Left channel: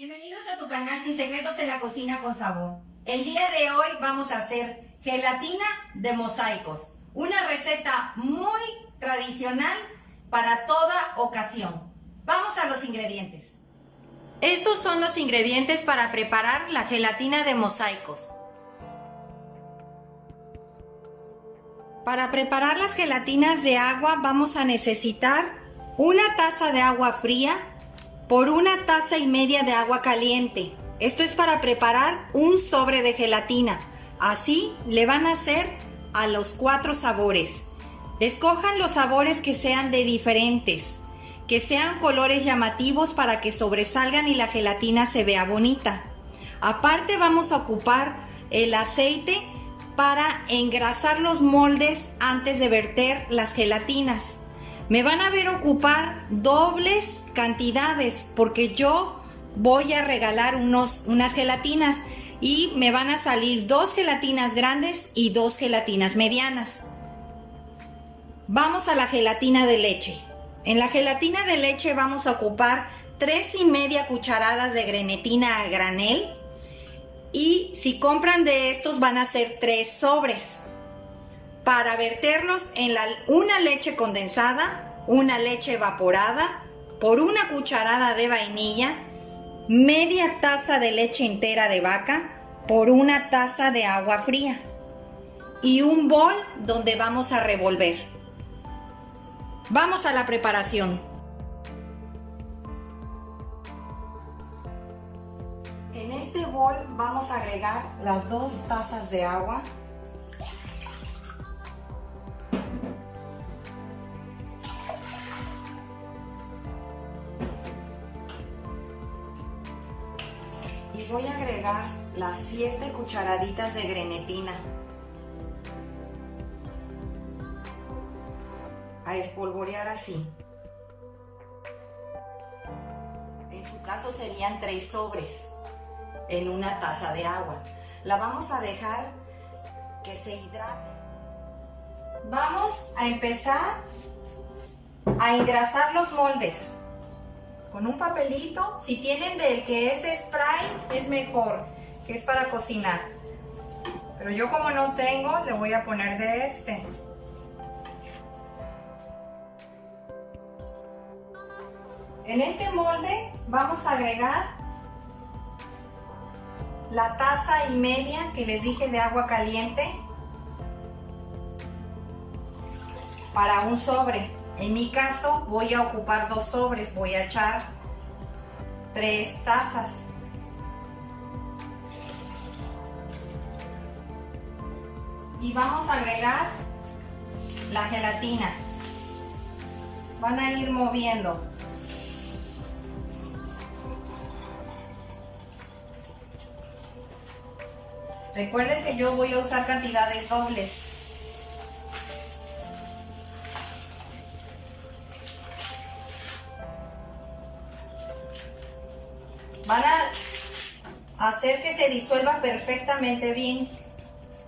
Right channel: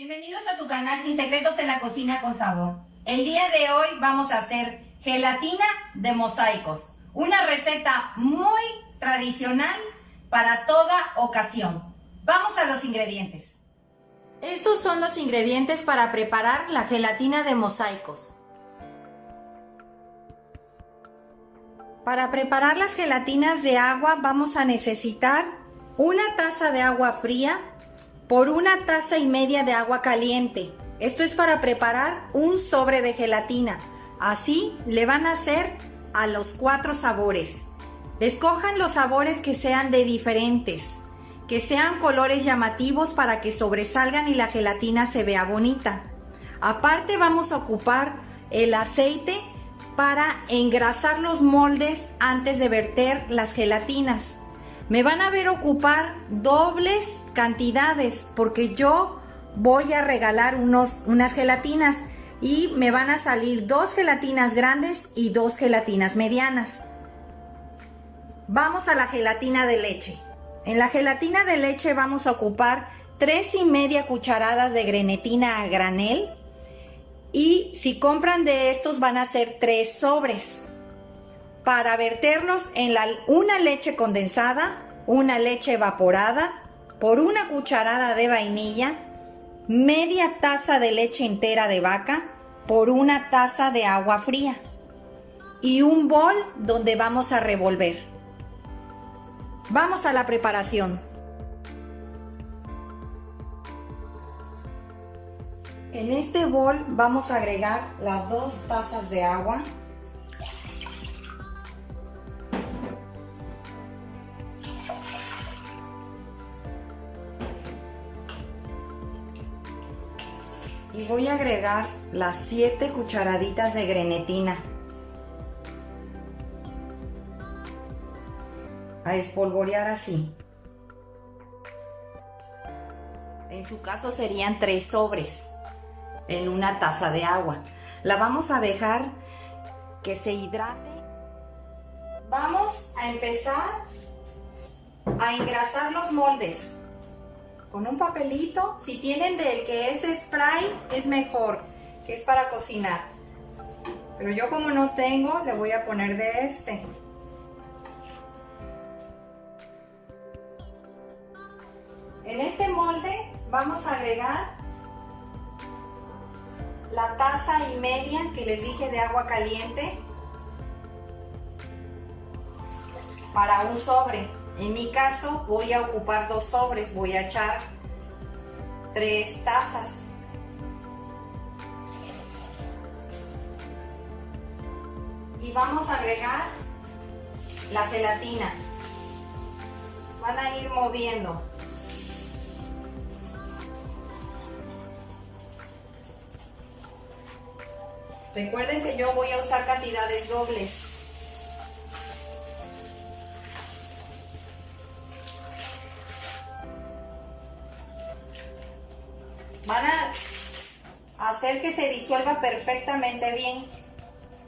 Bienvenidos a tu canal Sin Secretos en la Cocina con Sabor. El día de hoy vamos a hacer gelatina de mosaicos, una receta muy tradicional para toda ocasión. Vamos a los ingredientes. Estos son los ingredientes para preparar la gelatina de mosaicos. Para preparar las gelatinas de agua vamos a necesitar una taza de agua fría por una taza y media de agua caliente. Esto es para preparar un sobre de gelatina. Así le van a hacer a los 4 sabores. Escojan los sabores que sean de diferentes, que sean colores llamativos para que sobresalgan y la gelatina se vea bonita. Aparte vamos a ocupar el aceite para engrasar los moldes antes de verter las gelatinas. Me van a ver ocupar dobles cantidades porque yo voy a regalar unas gelatinas y me van a salir 2 gelatinas grandes y 2 gelatinas medianas. Vamos a la gelatina de leche. En la gelatina de leche vamos a ocupar 3,5 cucharadas de grenetina a granel y si compran de estos van a ser 3 sobres. Para verterlos en una leche condensada, una leche evaporada, por una cucharada de vainilla, media taza de leche entera de vaca, por una taza de agua fría y un bol donde vamos a revolver. Vamos a la preparación. En este bol vamos a agregar las 2 tazas de agua. Y voy a agregar las 7 cucharaditas de grenetina. A espolvorear así. En su caso serían 3 sobres en una taza de agua. La vamos a dejar que se hidrate. Vamos a empezar a engrasar los moldes. Con un papelito, si tienen del que es de spray, es mejor, que es para cocinar. Pero yo como no tengo, le voy a poner de este. En este molde vamos a agregar la taza y media que les dije de agua caliente para un sobre. En mi caso voy a ocupar 2 sobres, voy a echar 3 tazas. Y vamos a agregar la gelatina. Van a ir moviendo. Recuerden que yo voy a usar cantidades dobles. Van a hacer que se disuelva perfectamente bien.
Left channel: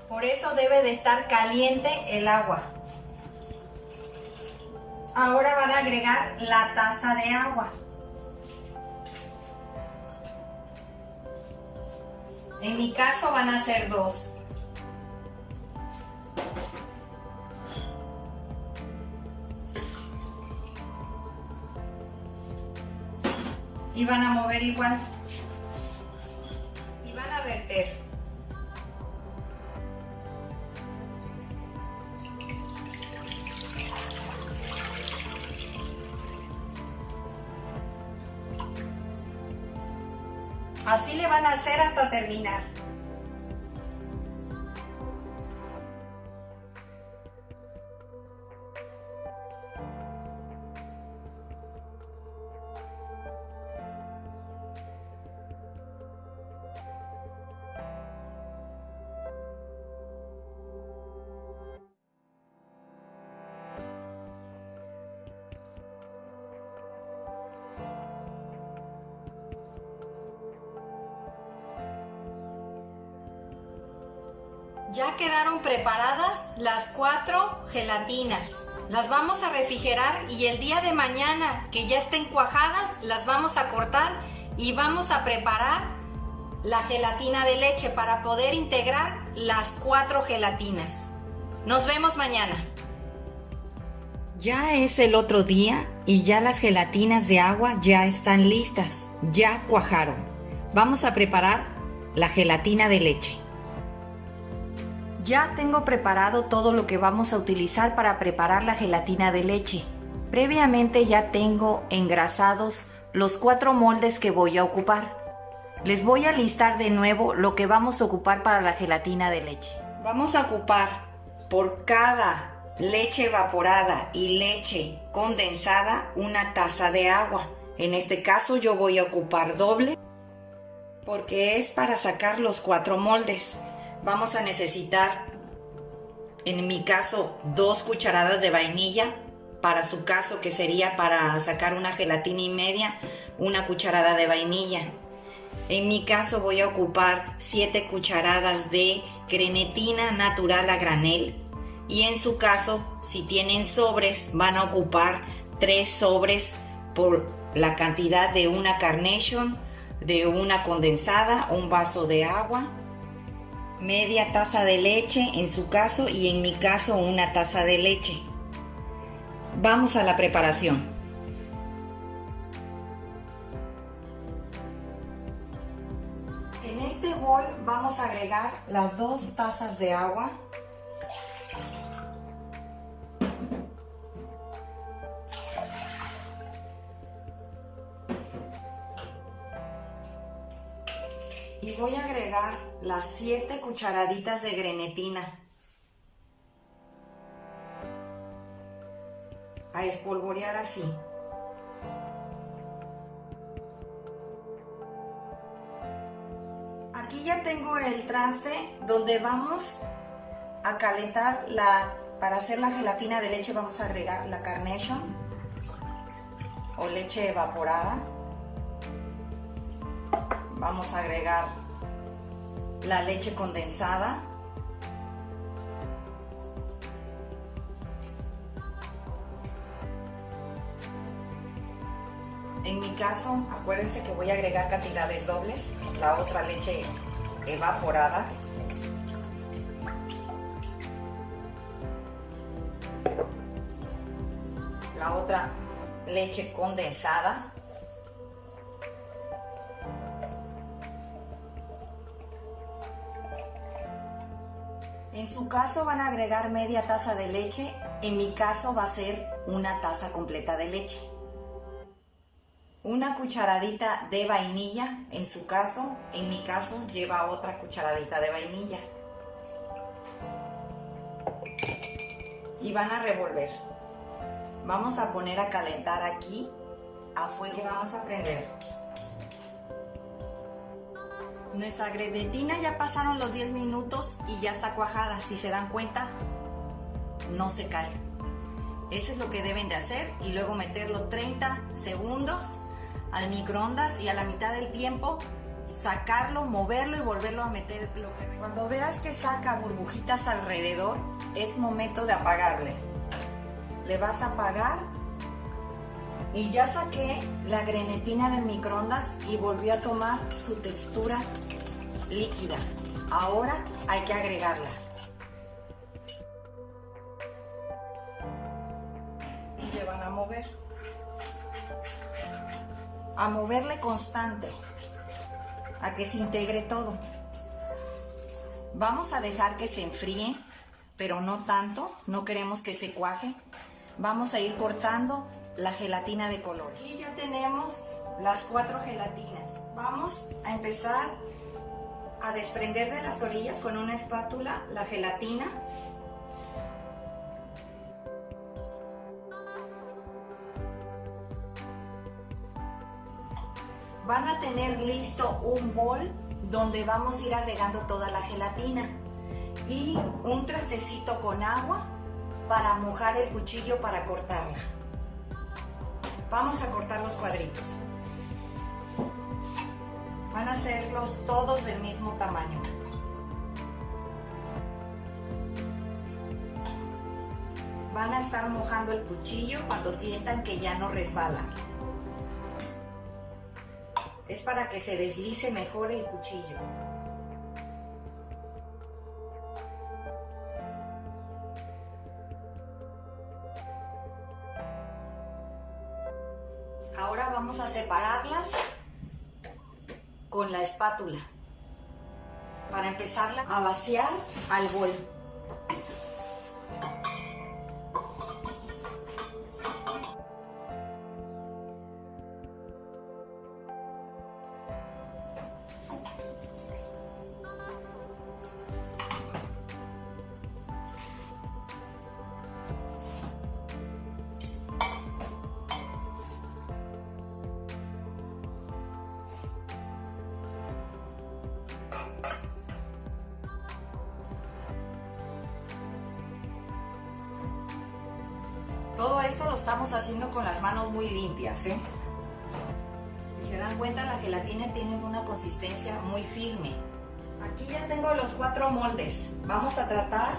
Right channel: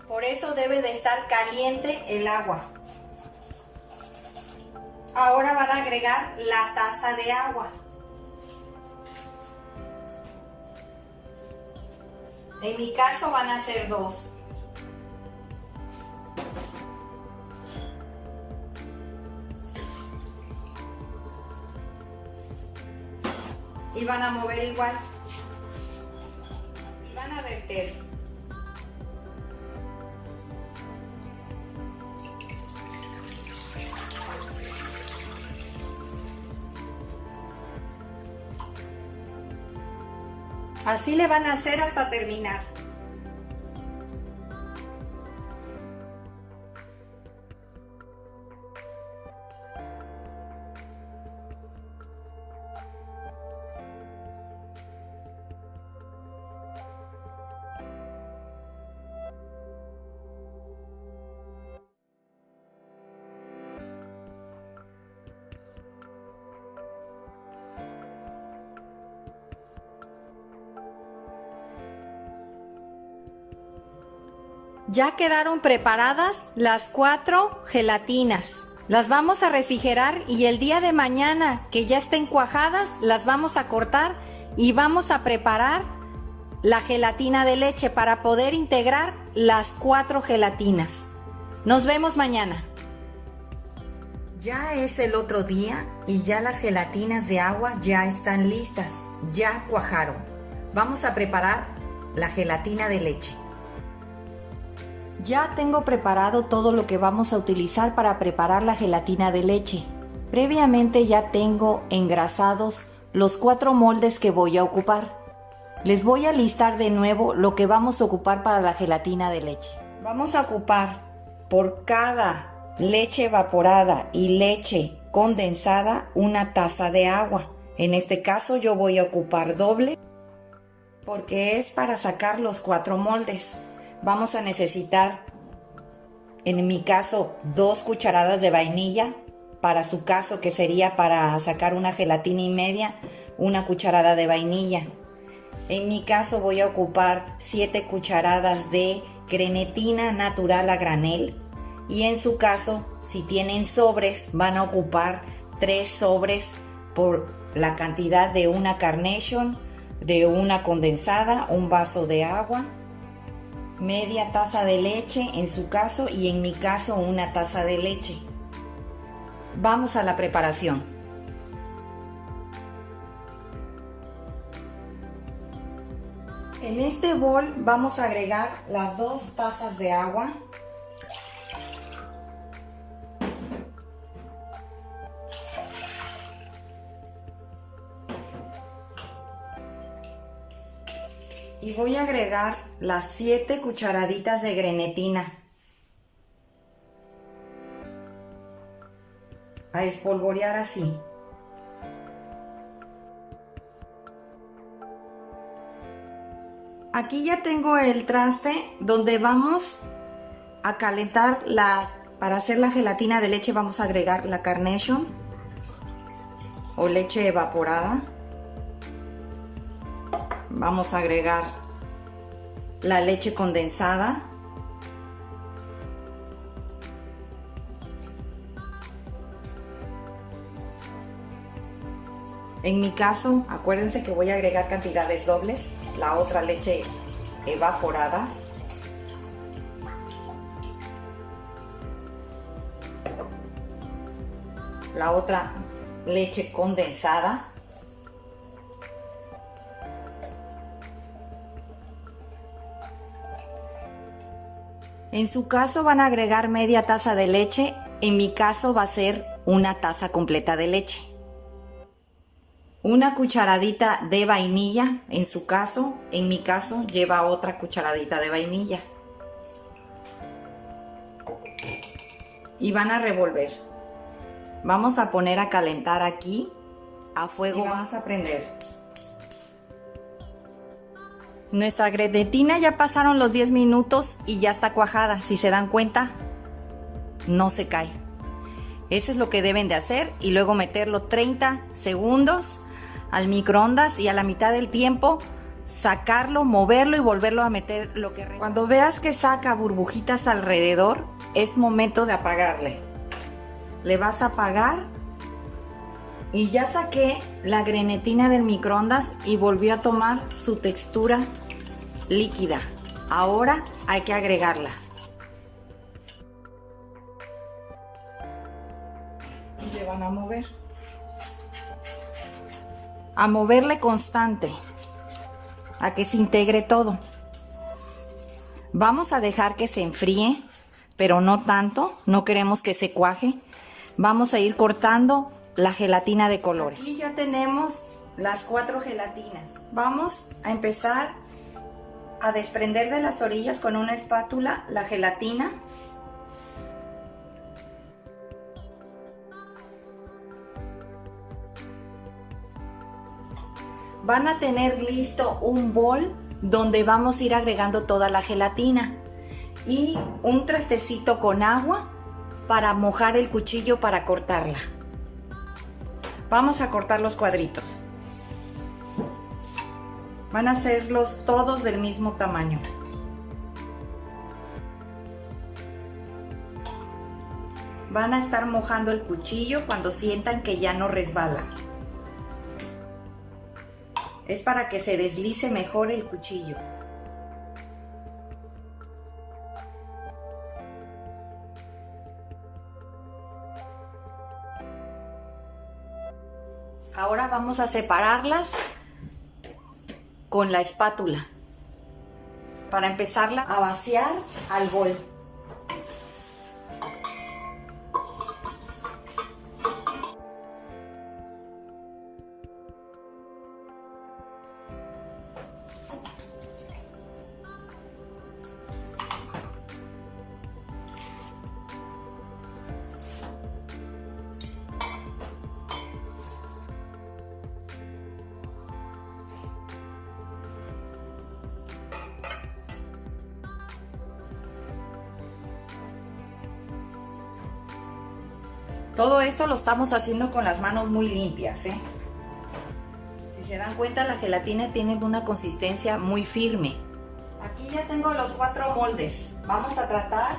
Por eso debe de estar caliente el agua. Ahora van a agregar la taza de agua. En mi caso van a ser 2. Y van a mover igual. Y van a verter. Así le van a hacer hasta terminar. Ya quedaron preparadas las 4 gelatinas. Las vamos a refrigerar y el día de mañana que ya estén cuajadas las vamos a cortar y vamos a preparar la gelatina de leche para poder integrar las 4 gelatinas. Nos vemos mañana. Ya es el otro día y ya las gelatinas de agua ya están listas, ya cuajaron. Vamos a preparar la gelatina de leche. Ya tengo preparado todo lo que vamos a utilizar para preparar la gelatina de leche. Previamente ya tengo engrasados los 4 moldes que voy a ocupar. Les voy a listar de nuevo lo que vamos a ocupar para la gelatina de leche. Vamos a ocupar por cada leche evaporada y leche condensada una taza de agua. En este caso yo voy a ocupar doble porque es para sacar los 4 moldes. Vamos a necesitar, en mi caso, 2 cucharadas de vainilla. Para su caso, que sería para sacar una gelatina y media, 1 cucharada de vainilla. En mi caso voy a ocupar 7 cucharadas de grenetina natural a granel. Y en su caso, si tienen sobres, van a ocupar 3 sobres por la cantidad de una Carnation, de una condensada, un vaso de agua, media taza de leche en su caso y en mi caso 1 taza de leche. Vamos a la preparación. En este bol vamos a agregar las 2 tazas de agua. Y voy a agregar las 7 cucharaditas de grenetina. A espolvorear así. Aquí ya tengo el traste donde vamos a calentar para hacer la gelatina de leche. Vamos a agregar la Carnation o leche evaporada. Vamos a agregar la leche condensada. En mi caso, acuérdense que voy a agregar cantidades dobles. La otra leche evaporada. La otra leche condensada. En su caso van a agregar media taza de leche. En mi caso va a ser 1 taza completa de leche. 1 cucharadita de vainilla, en su caso, en mi caso lleva otra cucharadita de vainilla. Y van a revolver. Vamos a poner a calentar aquí a fuego. Y vamos a prender. Nuestra grenetina ya pasaron los 10 minutos y ya está cuajada. Si se dan cuenta, no se cae. Eso es lo que deben de hacer y luego meterlo 30 segundos al microondas y a la mitad del tiempo sacarlo, moverlo y volverlo a meter lo que... Cuando veas que saca burbujitas alrededor, es momento de apagarle. Le vas a apagar y ya saqué la grenetina del microondas y volvió a tomar su textura líquida. Ahora hay que agregarla. Y le van a mover. A moverle constante, a que se integre todo. Vamos a dejar que se enfríe, pero no tanto, no queremos que se cuaje. Vamos a ir cortando la gelatina de colores. Aquí ya tenemos las 4 gelatinas. Vamos a empezar a desprender de las orillas con una espátula la gelatina. Van a tener listo un bol donde vamos a ir agregando toda la gelatina y un trastecito con agua para mojar el cuchillo para cortarla. Vamos a cortar los cuadritos. Van a hacerlos todos del mismo tamaño. Van a estar mojando el cuchillo cuando sientan que ya no resbala. Es para que se deslice mejor el cuchillo. Ahora vamos a separarlas con la espátula para empezarla a vaciar al bol. Todo esto lo estamos haciendo con las manos muy limpias, ¿eh? Si se dan cuenta, la gelatina tiene una consistencia muy firme. Aquí ya tengo los 4 moldes. Vamos a tratar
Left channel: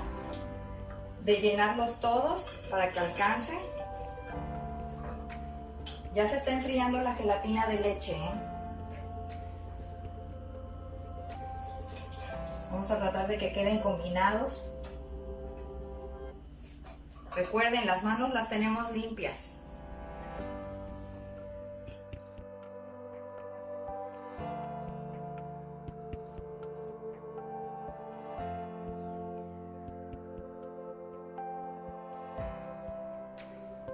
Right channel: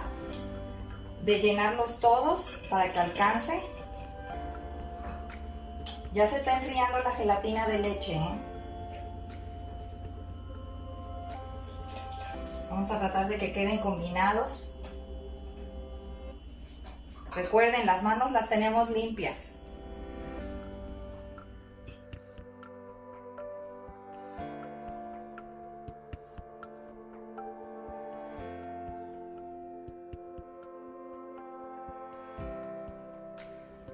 de llenarlos todos para que alcance. Ya se está enfriando la gelatina de leche, ¿eh? Vamos a tratar de que queden combinados. Recuerden, las manos las tenemos limpias.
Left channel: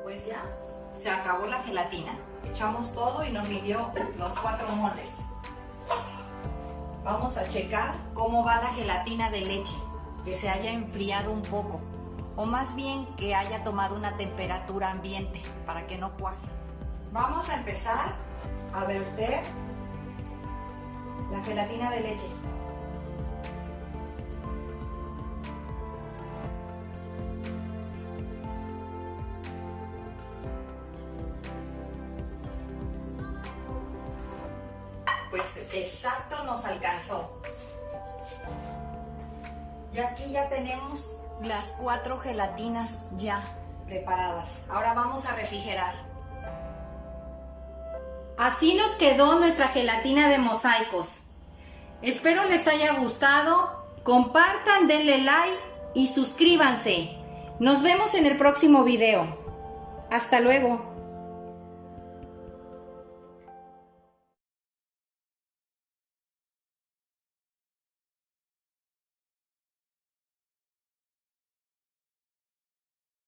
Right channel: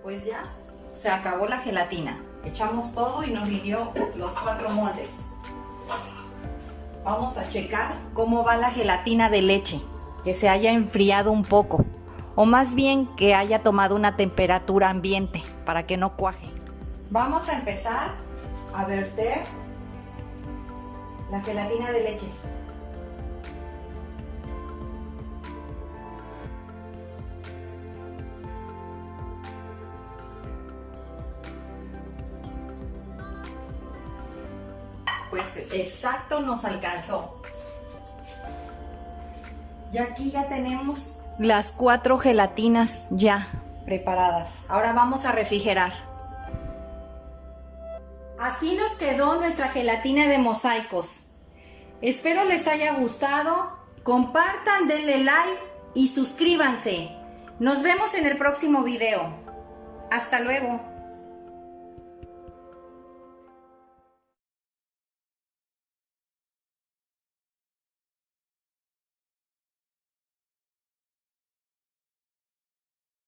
Pues ya se acabó la gelatina. Echamos todo y nos midió los 4 moldes. Vamos a checar cómo va la gelatina de leche, que se haya enfriado un poco. O más bien que haya tomado una temperatura ambiente para que no cuaje. Vamos a empezar a verter la gelatina de leche. Pues exacto nos alcanzó. Y aquí ya tenemos las 4 gelatinas ya preparadas. Ahora vamos a refrigerar. Así nos quedó nuestra gelatina de mosaicos. Espero les haya gustado. Compartan, denle like y suscríbanse. Nos vemos en el próximo video. Hasta luego.